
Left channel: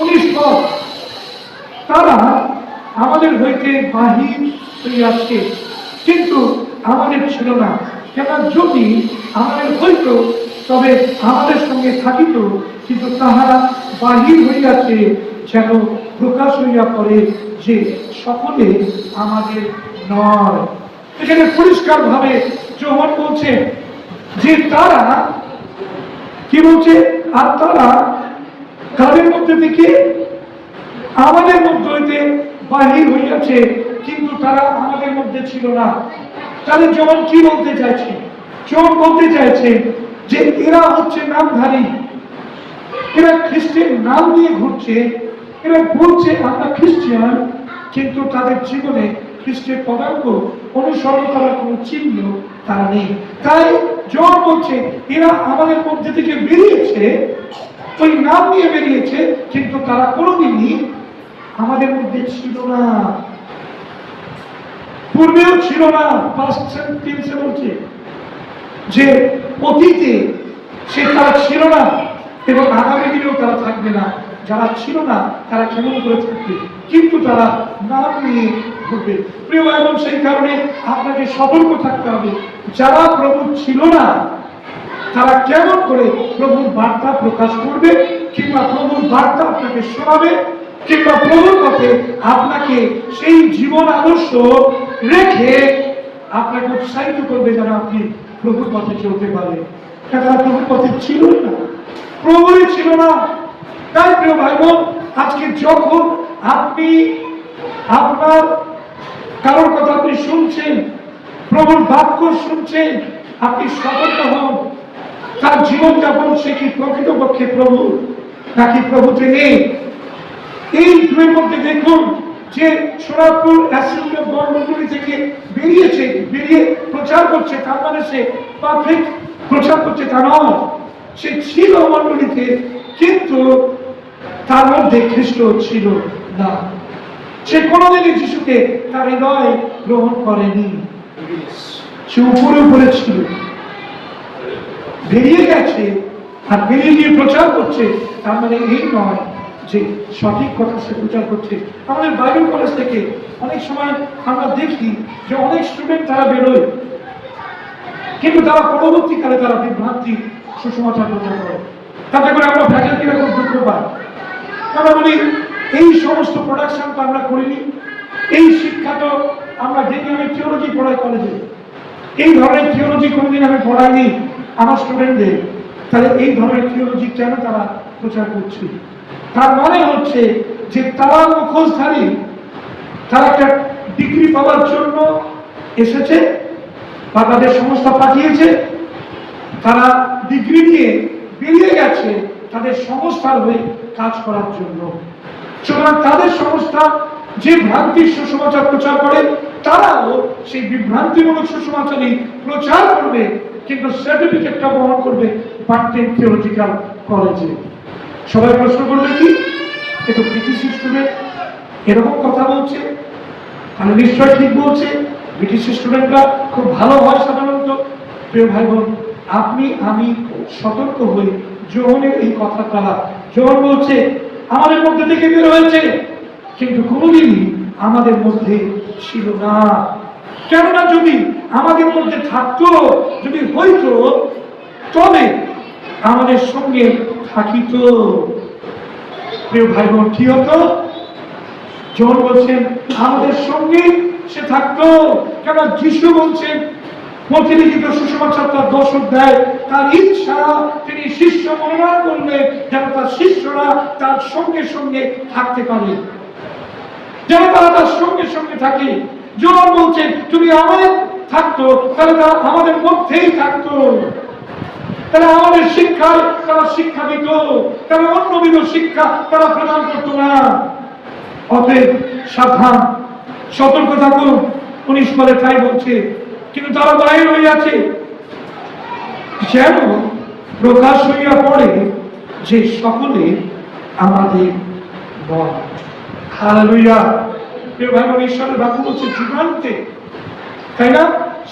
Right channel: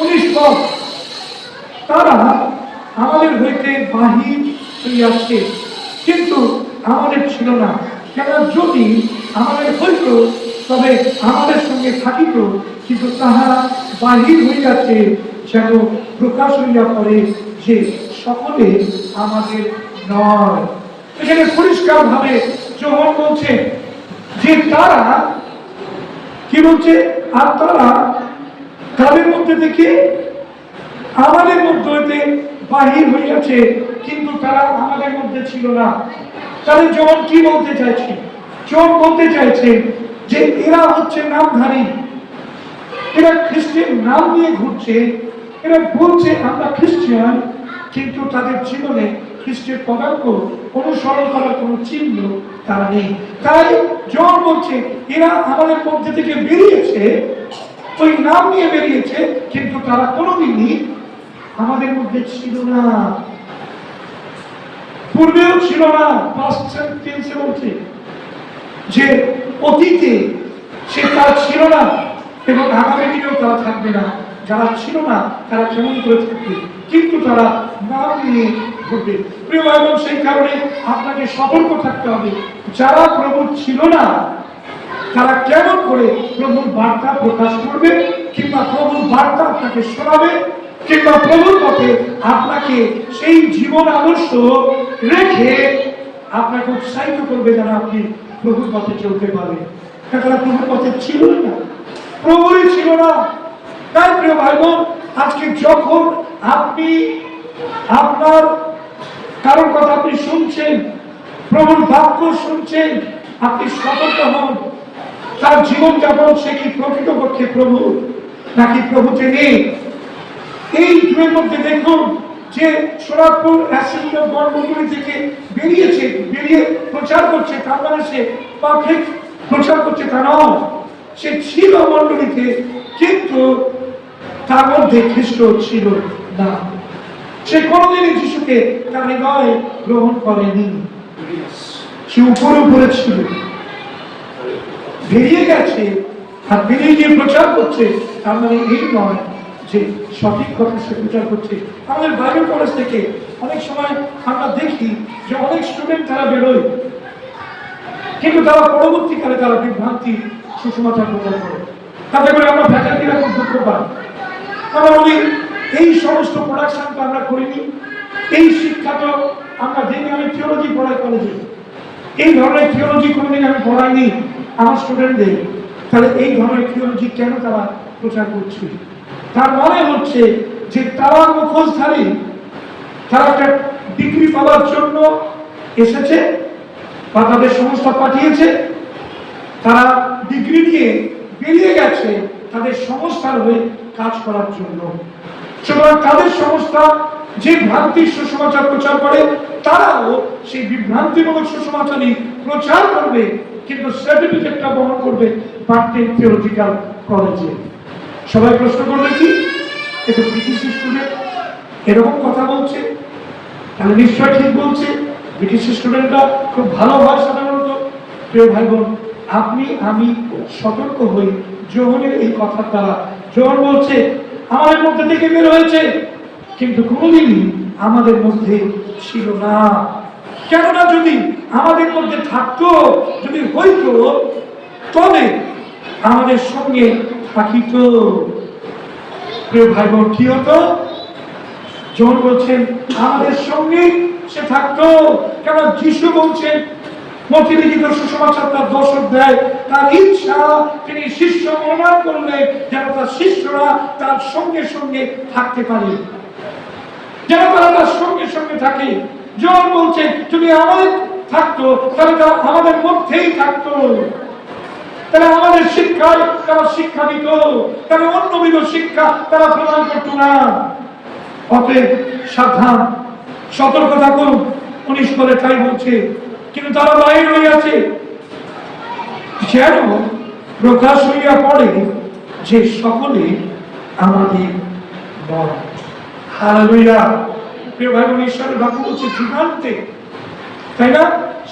19 পদ, তারা আমাদের হইতে বাহির হইয়াছে কিন্তু আমাদের ছিল না, কেন যদি আমাদের হইত তবে আমাদের সঙ্গে থাকিত, কিন্তু তাহারা বাহির হইয়াছে যেন প্রকাশ হইয়া পড়ে যে সকলে আমাদের নয়। এখানে পরিষ্কার ভাবে যোহন বলছে যে তারা কি বলছে? আর তারা তাদের মধ্যে থেকে আমাদের মধ্যে হইতে বাহির হইয়াছে কিন্তু তারা আমাদের মধ্যে ছিল না। তাহলে জন কি বলতে চাইছে? জন বলতে চাইছে যে এরা হচ্ছে নামধারী, এরা খ্রিস্টান নাম নিয়ে ঘুরছে, এরা বলছে আমরা খ্রিস্টান, কিন্তু তাদের জীবনে খ্রিস্টের পদাঙ্ক অনুসরণ করার কোন চিহ্ন তারা নেই। তাই জন বলছে এরা আমাদের মধ্যে থেকে বেরিয়েছে, ওই নাম নিয়ে বেরিয়েছে, কিন্তু তারা কোনোদিনই আমাদের মধ্যে ছিল না, পূর্বেও ছিল না। পাস্ট টেন্সে বলছে যে অতীতে সে তারা ছিল না এবং আগামী দিনেও তারা থাকবে না। যারা ছিল না তারা কেমন করে থাকবে? কিন্তু তারা নাম নিয়ে ঘুরবে। প্রিয় ভাই বোন, সেই কারণে আপনাকে সতর্ক থাকতে হবে। যারা প্রভু ছিল না তারা কেমন করে প্রভুর বার্তা প্রকাশ করবে, কিংবা প্রভুর বার্তা আপনাকে শোনাবে, কিংবা প্রভুর পথে আপনাকে সেই জীবন আদর্শ রেখে আপনাকে উৎসাহিত করবে যেন আপনি প্রভুর পথে চলতে পারবেন। তারা প্রভুর পথে ছিল না, প্রভুরই ছিল না। তাই প্রিয় ভাই বোন, আজকে যখন আপনি আপনার কারোর কথা আপনি শুনছেন, প্রভুর বাক্য শুনছেন, আপনি সতর্ক হন। তার জীবনযাপন সে কি প্রকৃতপক্ষে প্রভু নাকি প্রভুতে নেই? এই দুয়ের মধ্যে দেখুন যে সোনারপুর অ্যাসেম্বলি বর্ণগুলি থেকে বেরিয়েছে, বেরিয়ে প্রচার করছে, তার মানে সে পারফেক্ট প্রচার করছে তা নয়। সে ছিল মণ্ডলীতে, কিন্তু তার মধ্যে খ্রিস্ট ছিল না। সে কোনোদিনই যিশুকে তার হৃদয়ে গ্রহণ করেনি। সে উপরে উপরে ছিল, বেরিয়ে গেছে আর বেরিয়ে গিয়ে প্রচার করছে, তার মানে এই নয় যে সঠিক কথা সে প্রচার করছে। আমাদের বাইবেল কলেজ থেকে অনেক সময় আমরা দেখি যে অনেক স্টুডেন্ট তারা বেরোয়, কিন্তু তারা পরবর্তীকালে তারা বিভ্রান্তি সুসমাচার প্রচার করে। তাতে করে আমরা ফ্যাকাল্টিরা খুব দুঃখ পাই। আমরা বলি এই সমস্ত প্রোডাকশন তো আমরা করিনি, এই শিক্ষা তো আমরা দেখি। আমি থিওলজি পড়াই কলেজে, এই ধরনের থিওলজি কোনোদিন আমি পড়াইনি আমার স্টুডেন্টদের। তাহলে এই ধরনের থিওলজি কেন তারা প্রচার করছে? তার মানে হচ্ছে যে তারা মুখোশধারী, তারা একটা ডিগ্রি পাওয়ার জন্য এসেছে বা তাদের সংস্থা পাঠিয়েছে, তারা ডিগ্রি নিয়ে বেরিয়ে গেছে তাদের সংস্থার হয়ে কাজ করার জন্য। সুতরাং তাদের সংস্থা যে ভ্রান্তি সুসমাচার প্রচার করে, তারাও সেই বিভ্রান্তিমূলক সুসমাচারই প্রচার করবে, কিন্তু সার্টিফিকেটটা বহন করবে বার্টেন থিওলজিক্যাল কলেজে। সবাই প্রশ্ন করবে কি একটু ব্রিটিশ স্টুডেন্ট এরকম কথা বলছে, তাহলে নিশ্চয় ঠিক বলছে। ব্রিটিশ স্টুডেন্টরা খুব ভালো হয় সাধারণত। প্রিয় ভাই বোন, আপনি আমি সতর্ক হই যোহনের এই কথার দ্বারা। যোহন বলছে আমাদের মধ্যে থেকে বের হয়েছে, কিন্তু কোনোদিনই আমাদের মধ্যে ছিল না। কেননা যদি আমাদের মধ্যে থাকতো, যদি হইতো, তবে আমাদের সঙ্গে থাকিত। প্রিয় ভাই বোন, কি হতো? যোহন বলছেন আমাদের সঙ্গে সে থাকতো। কেন? যিশু বলছেন মথিলিখিত সুসমাচার তার 10 অধ্যায়, তার ইচ্ছা তিনি শিষ্য মনোনয়ন করলেন যেন তার শিষ্যরা তার সঙ্গে সঙ্গে থাকতে পারে, যেন তারা তার সঙ্গে সঙ্গে থাকে। যোহন বলছেন যদি আমাদের থাকতো তাহলে তারা আমাদের মধ্যেই থাকতো, তারা আমাদের শিক্ষায় তারা শিক্ষা দিত, তারা অন্যবিধ শিক্ষা তারা প্রদান করতো না। অতএব সাবধান, সতর্ক থাকুন। 19 বলে তাই বলছে, কিন্তু তারা বাইরে হইয়াছে যেন প্রকাশ হইয়া পড়ে যে সকলে আমাদের নয়। হালেলুয়া। প্রিয় ভাই বোন, ঈশ্বরের বাক্য বলছে যুগান্তে, তাই না?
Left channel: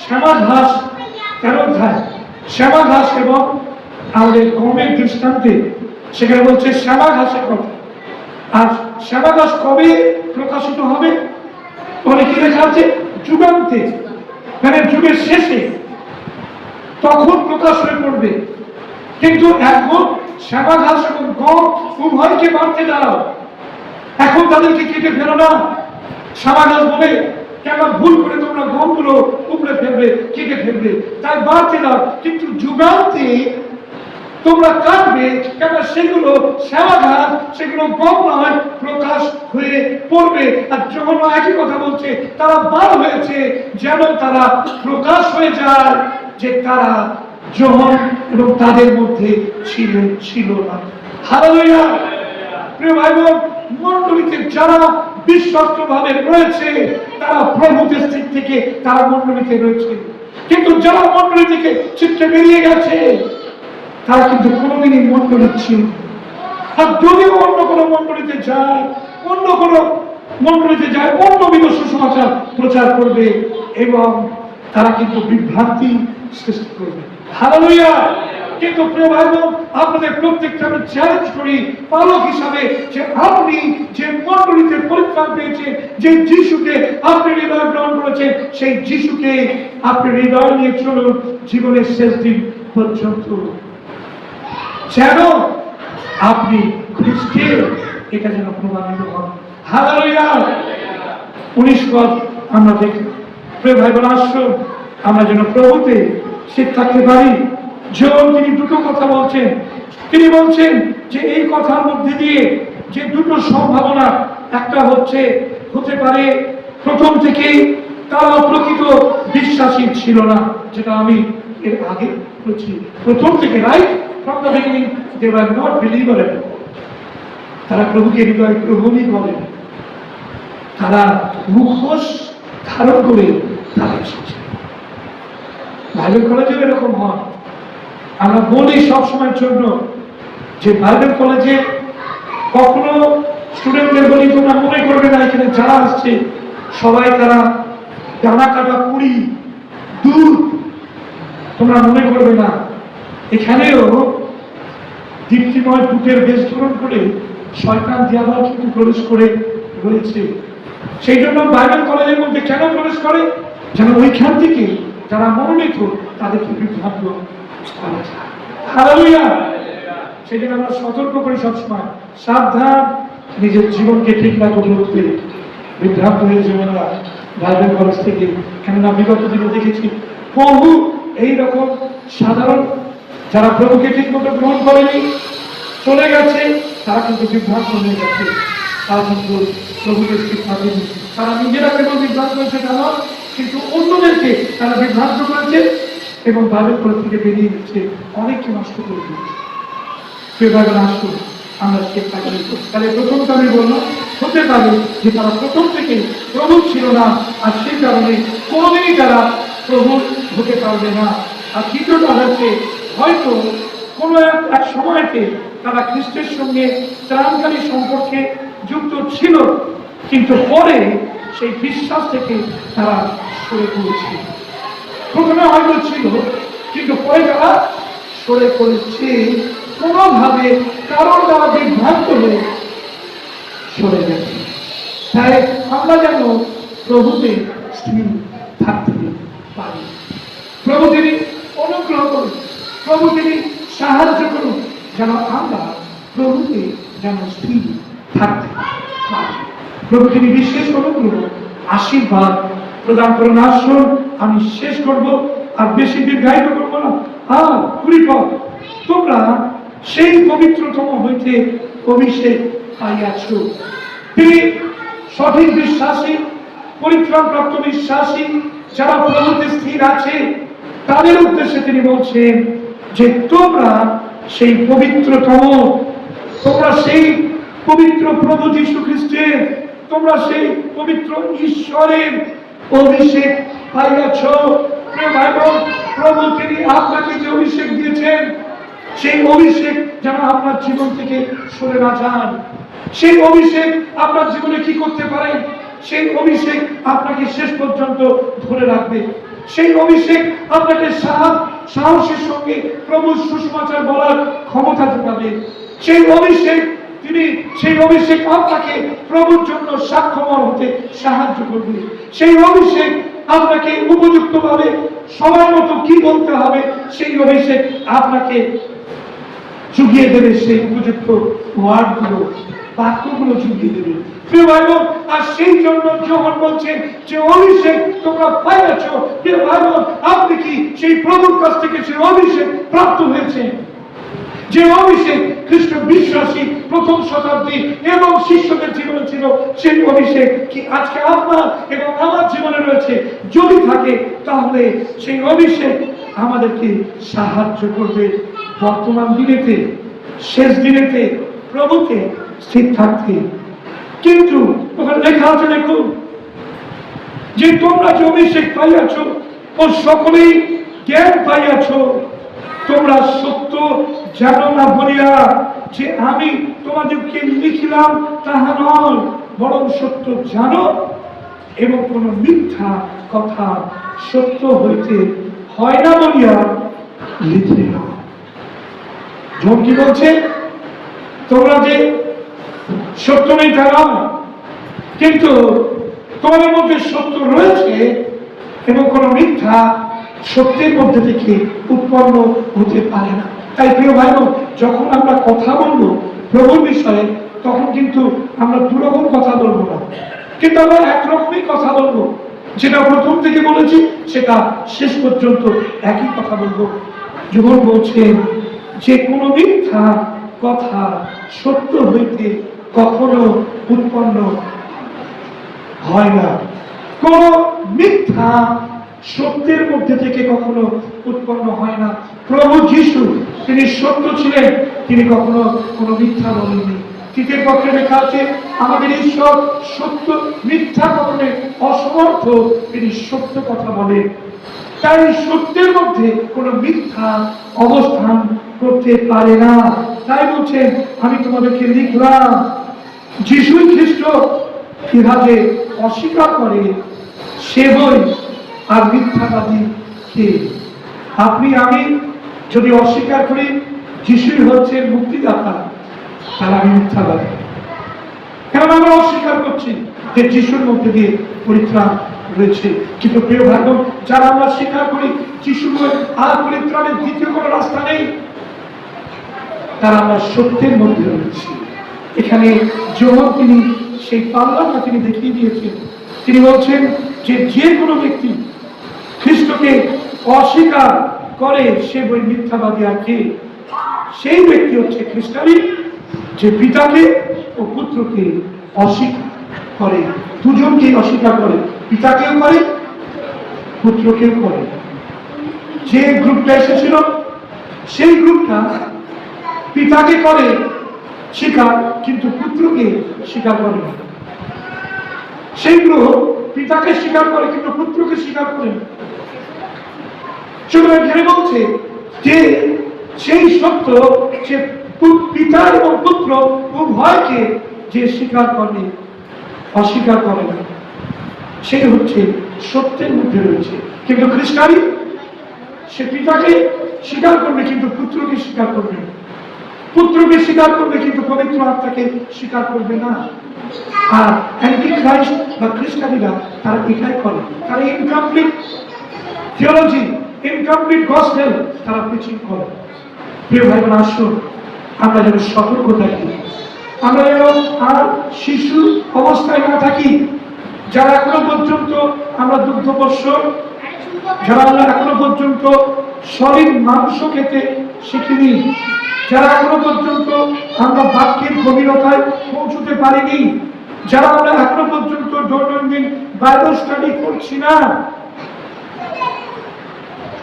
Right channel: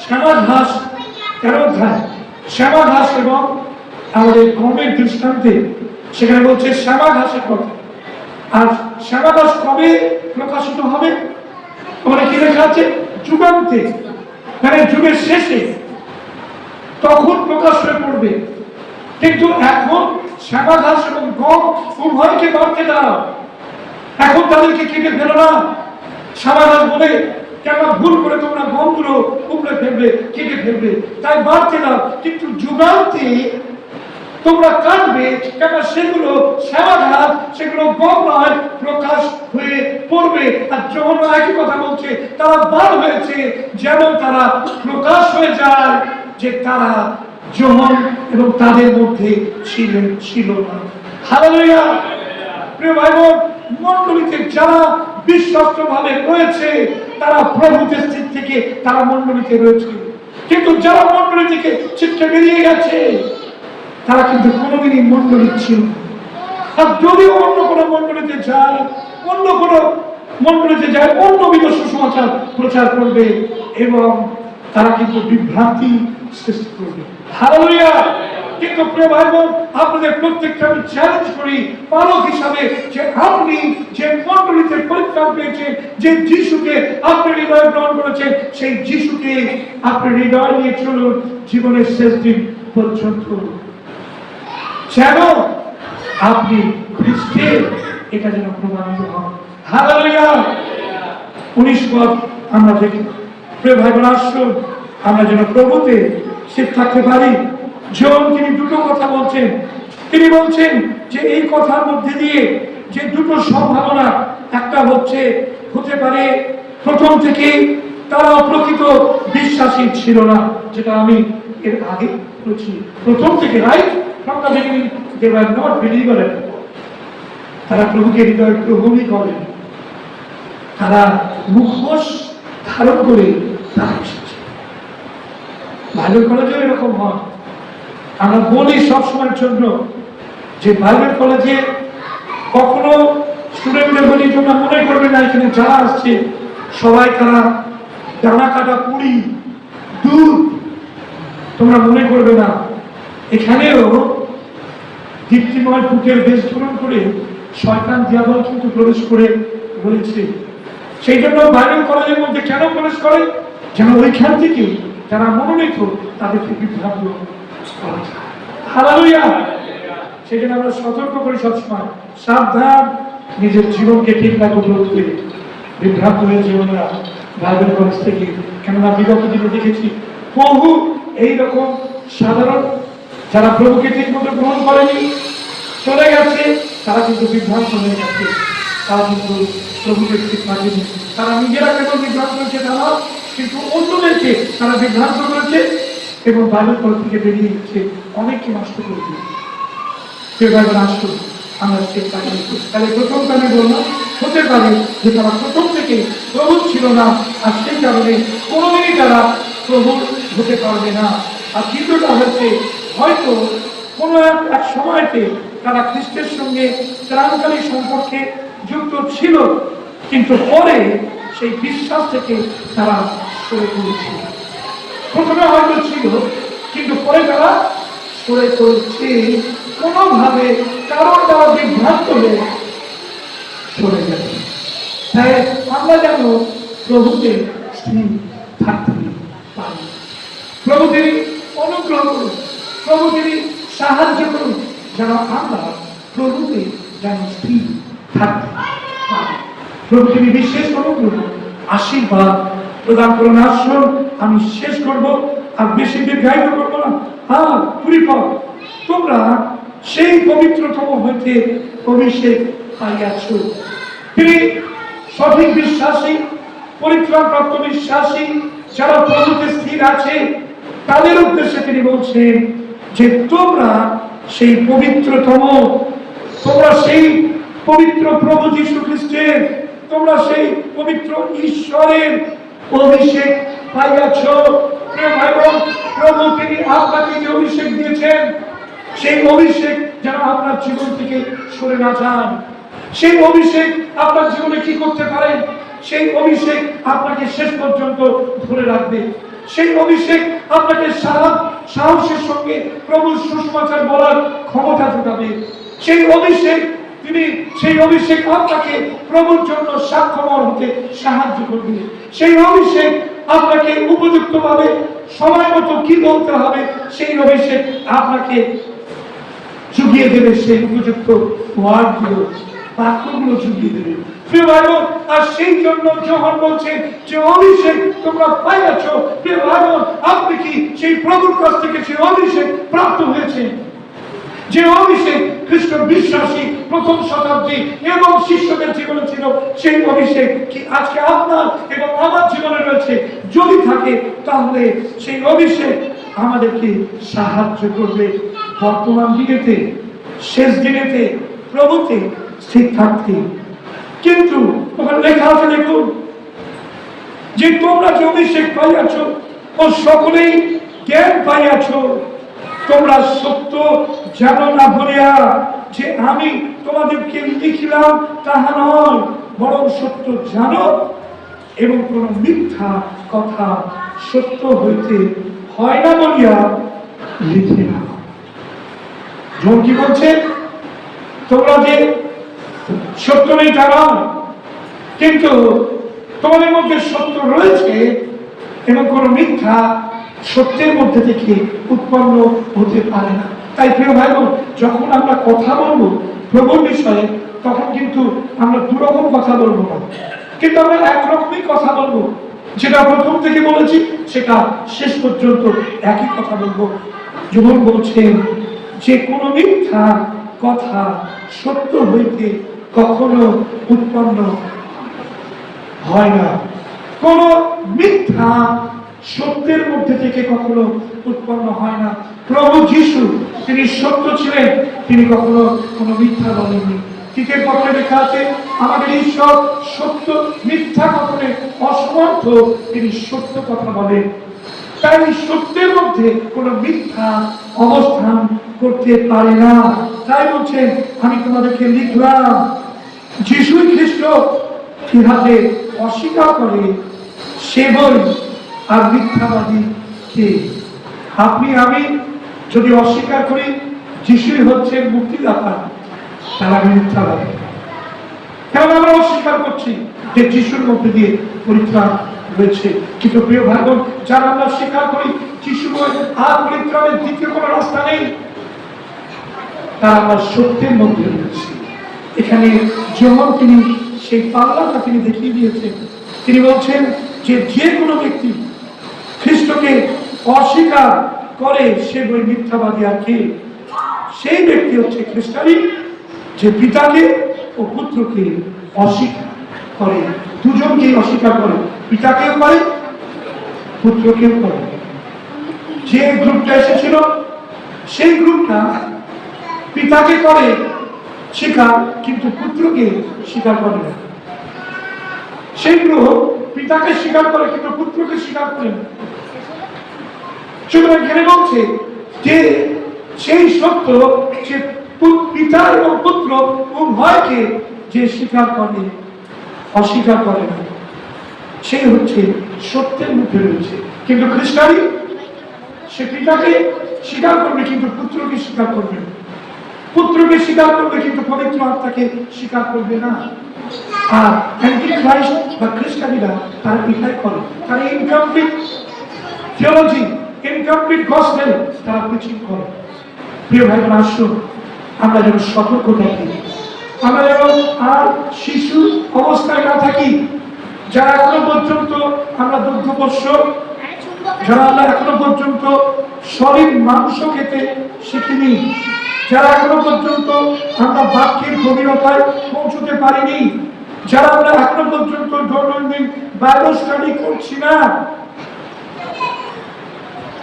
শ্যামা ঘাস 13 অধ্যায়, শ্যামা ঘাস এবং আমাদের গমের দৃষ্টান্তে সেখানে বলছে শ্যামা ঘাসের কথা। আর শ্যামা ঘাস কবে প্রকাশিত হবে? ওখানে কি লেখা আছে? যুগান্তে, মানে যুগের শেষে, তখন প্রকাশ হয়ে পড়বে। কিন্তু এখন শ্যামা ঘাস এবং গম উভয়কে বাড়তে দাও। এখন তাদেরকে কেটে ফেলো না। শ্যামা ঘাস বলে কেন ভুল করে তোমরা গমগুলো উপড়ে ফেলবে, কেটে ফেলবে, তাই বাড়তে দাও। কিন্তু যুগান্তে তোমরা কাটবে, কেন? সেগুলো শ্যামা ঘাস, সেগুলো গম নয়, প্রকাশ হয়ে পড়বে। আর যখন একই কথা বলছে তারা বার হয়েছে যেন তারা প্রকাশ হয়ে যায় যে তারা যোহন এবং তাদের মধ্যে ছিল না। হালেলুয়া। প্রিয় ভাই বোন, মণ্ডলীতে যারা বিশ্বস্ত ভাবে রয়েছে তারা প্রভুদের স্থির থেকে তারা মণ্ডলীতে রয়েছে, কিন্তু যারা মণ্ডলী থেকে ছিটকে বেরিয়ে গেছে তারা কিন্তু কোনোদিনই মণ্ডলী ছিল। আর যদিও অন্য কোনো মণ্ডলীতে যায়, অন্য কোনো মণ্ডলীতে যায়, অন্য বিধ সুসমাচার প্রচার করবে এবং তারা কিন্তু বিভ্রান্তি সৃষ্টি করবে। হালেলুয়া। কিন্তু প্রিয় ভাই বোন, আপনাদের প্রত্যেককে আমি চ্যালেঞ্জ করি পালক হিসাবে যে আপনি যে মণ্ডলীতে পরিত্রাণ পেয়েছেন, যে যিশুকে আপনি হৃদয়ে গ্রহণ করেছেন, সেই যিশুকে আপনি হৃদয়ে নিয়ে চলুন জীবনের শেষ দিন পর্যন্ত, যেন আপনি খ্রিস্টের এটা যেন প্রমাণিত হন। হালেলুয়া। 19 পদ আমরা দেখি। প্রিয় ভাই বোন, আসুন আমরা যেন প্রভুতে স্থির থাকতে পারি। যোহন তিনি দুটো কথা বলছেন। তিনি বলছেন যে এই কথার মধ্যে দিয়ে যে দুটো সম্ভাবনা, একটা হচ্ছে হতে পারে প্রথম থেকেই তারা প্রকৃত বিশ্বাসী ছিল না, যেটা আমি এর আগে বলছি। প্রথম থেকে, right from the beginning they were not believer at all. তারা প্রভুকে হৃদয়ে গ্রহণই করেন, তারা মুখোশ ধারণ করে তারা এসেছে। বাইবেল কলেজেও এরকম হয়। আমরা বলি সবসময়ের জন্য যে বাইবেল কলেজে কখনো স্টুডেন্টদের বলি তোমরা মনে করবে না এখানে যারা আসছে সবাই তারা ডানা কাটা পুরি দুধ, তোমরা মনে করবে না। এখানেও দীপ্তিময় বুকের বেশ ধারণ করে শয়তান দিয়াবল কিন্তু প্রবেশ করে রয়েছে। সেই জন্য বাইবেল কলেজের মধ্যে কেন প্রবেশ করে? যেন ওইখান থেকে যারা মনোনীত তাদেরকে বিভ্রান্ত করা যায়। হালেলুয়া। সেই জন্য আমরা সতর্ক করি সবসময়, সাবধান, নিজের জীবনকে ঠিক রাখো বলতে বিভ্রান্ত হয়ে জীবনরা বাইবেল কলেজ থেকে। কেননা বিগত দিনে দেখেছি বহু এইরকম সাধারণ যারা প্রভুকে ঠিক মতো গ্রহণ করেনি, চলে গেছে, তারা কিন্তু বিভ্রান্ত হয়ে গেছে। তারা কিন্তু প্রভুকে ঠিক মানেনি। তারা নিজেরা কেবল বিভ্রান্ত হয়েছে তা নয়, কিন্তু অন্যদেরকে তারা বিভ্রান্ত করেছে এবং বাইবেল কলেজ থেকে বেরিয়ে গেছে, অনেককে নষ্ট করেছে। সে বাইবেল আসতো আমরা চেষ্টা করি। তাহলে প্রথমটা আমি বললাম, হতে পারে যে তারা প্রথম থেকে প্রভু ছিল না, আর সেই কারণে কোনোদিনই তারা প্রভু হতে পারবে না। আর দ্বিতীয়টা হচ্ছে হয়তো কোনো এক সময়তে তারা খ্রিস্টের সঙ্গে ত্রাণকারী সম্পর্কে যুক্ত ছিল, কিন্তু পরে সেই বিশ্বাস থেকে তারা সরে পড়েছে। প্রথমে হয়তো ছিল, কিন্তু পরে তারা সরে পড়েছে, কোনোভাবে কারণ তারা বিভ্রান্ত হয়ে সরে গেছে। তাই আমরা যেন প্রভুতে স্থির থাকতে পারি। প্রভু তিনি অনুগ্রহ করুন, প্রভু তিনি সাহায্য করুন, যেন আমরা প্রভুতে যেন স্থির থাকতে পারি। প্রভু তিনি বিশেষ অনুগ্রহ আশীর্বাদ প্রদান করুন। আসুন আমি শেষ করব, আর বেশি দীর্ঘায়িত করবো না। পরিপথ, তোমরা সেই পবিত্রতম হইতে অভিষেক পাইয়াছ। তিনি সঠিক বিশ্বাসী, পরিত্রাণপ্রাপ্ত বিশ্বাসী যারা প্রভুতে স্থির আছে, তাদের উদ্দেশ্যে তিনি বলছেন যে তোমরা সেই পবিত্রতম, তোমরা সেই পবিত্র প্রভু যীশু খ্রিস্টের, তোমরা সেই পবিত্র ঈশ্বরের অভিষেক পাইয়াছ। প্রিয় ভাই বোন, প্রভু তিনি আপনাকে যে অভিষেক দিয়েছেন, সেই অভিষেক যেন আপনার জীবন থেকে সরে না যায়। সেই অভিষেক আপনার জীবনে কি করতে পারে? সেই অভিষেক আপনাকে শেষ পর্যন্ত ধরে রাখবে। সেই অভিষেক আপনাকে সাহসের সঙ্গে প্রভুর সুসমাচার বলার ক্ষমতা যোগাবে। সেই অভিষেক সেই অভিষেক আপনাকে প্রভুর জন্য সাক্ষ্যবান হতে সাহায্য করবে। সেই অভিষেক আপনাকে উপযুক্তভাবে সময় মতো কি বলতে হবে, সেই অভিষেক আপনাকে জুগিয়ে দেবে। সেই উপযুক্ত ওয়ার্ডগুলো, বাক্যগুলো জুগিয়ে দেবে। প্রিয় ভাই বোন, আর সেই জন্য যোহন বলছেন যে অভিষেক তোমরা পাইয়াছ। প্রিয় ভাই বোন, আপনি কি সেই প্রভুর কাছ থেকে সেই অভিষেক প্রাপ্ত হয়েছে? যে অভিষেক খ্রিস্ট বিশ্বাসী প্রথম শতাব্দী এবং শিষ্যদের জীবনে ছিল, সেই অভিষেক কি আজকে আপনার এবং আমার জীবনে রয়েছে? যদি থাকে, তাহলে সেই অভিষেক আমাদেরকে সাহায্য করবে বর্তমান দিনেতে, শেষ দিনেতে প্রভুতে স্থির থাকতে। কিন্তু ওখানে লেখা আছে, দেখুন, যে তোমরা যে অভিষেক পাইয়াছ ও সকলেই জ্ঞান পাইয়াছ, তোমরা সত্য জানো না বলিয়া যে আমি তোমাদেরকে লিখিলাম তাহা নয়, বরং সত্য জানো এবং কোন মিথ্যা কথা সত্য হইতে হয় না বলিয়া লিখে নাও। জন কি বলছে? তোমরা যে সত্য নেই জানো, কিন্তু তোমাদের মধ্যে সত্য রয়েছে এবং কোন মিথ্যা সত্যের মধ্যে থেকে উৎপন্ন হতে পারে না। তাই প্রিয় ভাই বোন, যখন আমরা কথা বলবো প্রভুর বিষয়ে, তখন কিন্তু আমরা দুরকম কথা বলবো না, কিন্তু আমরা একরকমই কথা বলবো। যেটা প্রথম থেকে বলেছি সেটা শেষ পর্যন্ত একই কথা বলবো। যখন বলছেন যে কোনো মিথ্যা কথা সত্য হইতে কখনো উৎপন্ন হয় না। কোন মিথ্যা সত্যের মধ্যে থেকে কখনো উৎপন্ন হয় না। প্রভু যীশু তিনি সত্য ছিলেন, তিনি কখনো কোনো মিথ্যা বলেননি। তৃতীয় পত্রে লেখা আছে, আমাদের ঈশ্বর সত্য, মিথ্যা কখনো অসমর্থ, তিনি সত্য কথা বলেন। তাই সত্যের মধ্যে কোনো মিথ্যা অবস্থান করতে পারে না। তাই বলছেন, আমি তোমাদেরকে লিখলাম। যীশু খ্রিস্ট কিভাবে অস্বীকার করে সে বই আর মিথ্যাবাদী কে? আপনি আমি যদি অস্বীকার করি যিশুই হচ্ছেন মুক্তিদাতা, তাহলে আমি মিথ্যাবাদী। কেন আমরা অস্বীকার করছি যে যিশুর মধ্যে দিয়ে পরিত্রাণ রয়েছে? কিন্তু প্রিয় ভাই বোন, যারা আমরা স্বীকার করি যিশু আর পরিত্রাণের দ্বিতীয় কোনো রাস্তা নেই, তারা আমরা সত্যের মধ্যে রয়েছি। এখানে যোহন তিনি সেই পাল্লাটা তিনি দেখিয়ে দিয়েছেন। তিনি বলছেন যে যে কোনো ব্যক্তি খ্রিস্টকে অস্বীকার করে সে বই মিথ্যাবাদী। আর কে? সেই ব্যক্তি হচ্ছে খ্রিস্টানি, যে পিতাকে ও পুত্রকে অস্বীকার করে। দুজনকেই অস্বীকার করে, পিতাকেও করে, পুত্রকেও করে। যে গ্রুপটা এসেছিল সেই গ্রুপটা পিতাকে করে স্বীকার, কিন্তু পুত্রকে স্বীকার করে না। সেই গ্রুপ পিতাকে স্বীকার করে কিন্তু পুত্রকে স্বীকার করে না। সুতরাং এখানে বলছে যে সেই সত্য যে পিতা এবং পুত্র উভয়কে যে স্বীকার করে অস্বীকার করে না, সে হচ্ছে সত্যের মধ্যে রয়েছে। কিন্তু খ্রিস্টানি সে পিতাকে স্বীকার করবে কিন্তু পুত্রকে স্বীকার করবে না, পুত্রকে স্বীকার করবে কিন্তু পবিত্র আত্মাকে স্বীকার করবে না। আর অ্যান্টি খ্রাইস্ট বা খ্রিস্টানিরা তারা এটাই করে, তারা ইনকমপ্লিট থিওলজি, ইনকমপ্লিট গসপেল তারা প্রিচিং করে। প্রিয় ভাই বোন, আসুন আমরা যেন সতর্ক থাকি, আমরা যেন আর শিশু অবস্থায় না থাকি। যারা এখনো পর্যন্ত আমরা দুগ্ধপোষ্য, যারা আমরা এখনো পর্যন্ত সলিড মাংস খেতে শিখিনি, যারা এখনো পর্যন্ত আমরা বাক্যের গভীরতায় পৌঁছতে পারিনি, যারা আমরা এখনো পর্যন্ত দৈনন্দিন বাইবেল স্টাডি করছি না,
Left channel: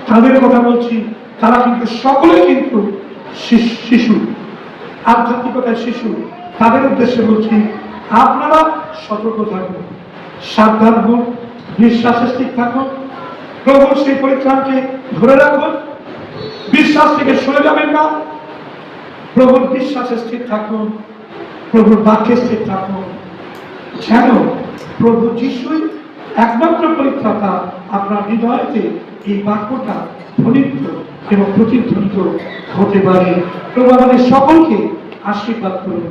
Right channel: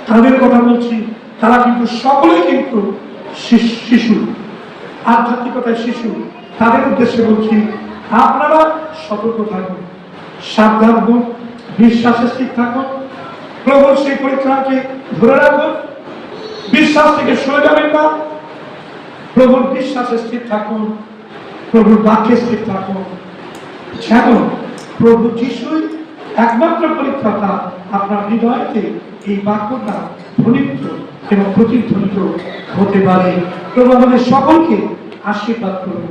তাদের কথা বলছি। তারা কিন্তু সকলেই কিন্তু শিশু, আধ্যাত্মিকতায় শিশু। তাদের উদ্দেশ্যে বলছি, আপনারা সতর্ক থাকুন, সাবধান হন, বিশ্বাসে স্থির থাকুন, প্রভুর সেই পরিত্রাণকে ধরে রাখুন, বিশ্বাস থেকে সরে যাবেন না, প্রভুর বিশ্বাসে স্থির থাকুন, প্রভুর বাক্যে স্থির থাকুন, যেন প্রভু যিশুই একমাত্র পরিত্রাতা আপনার হৃদয়তে এই বাক্যটা ধ্বনিত এবং প্রতিধ্বনিত হতে পারে। প্রভু আমাদের সকলকে আশীর্বাদ করুন।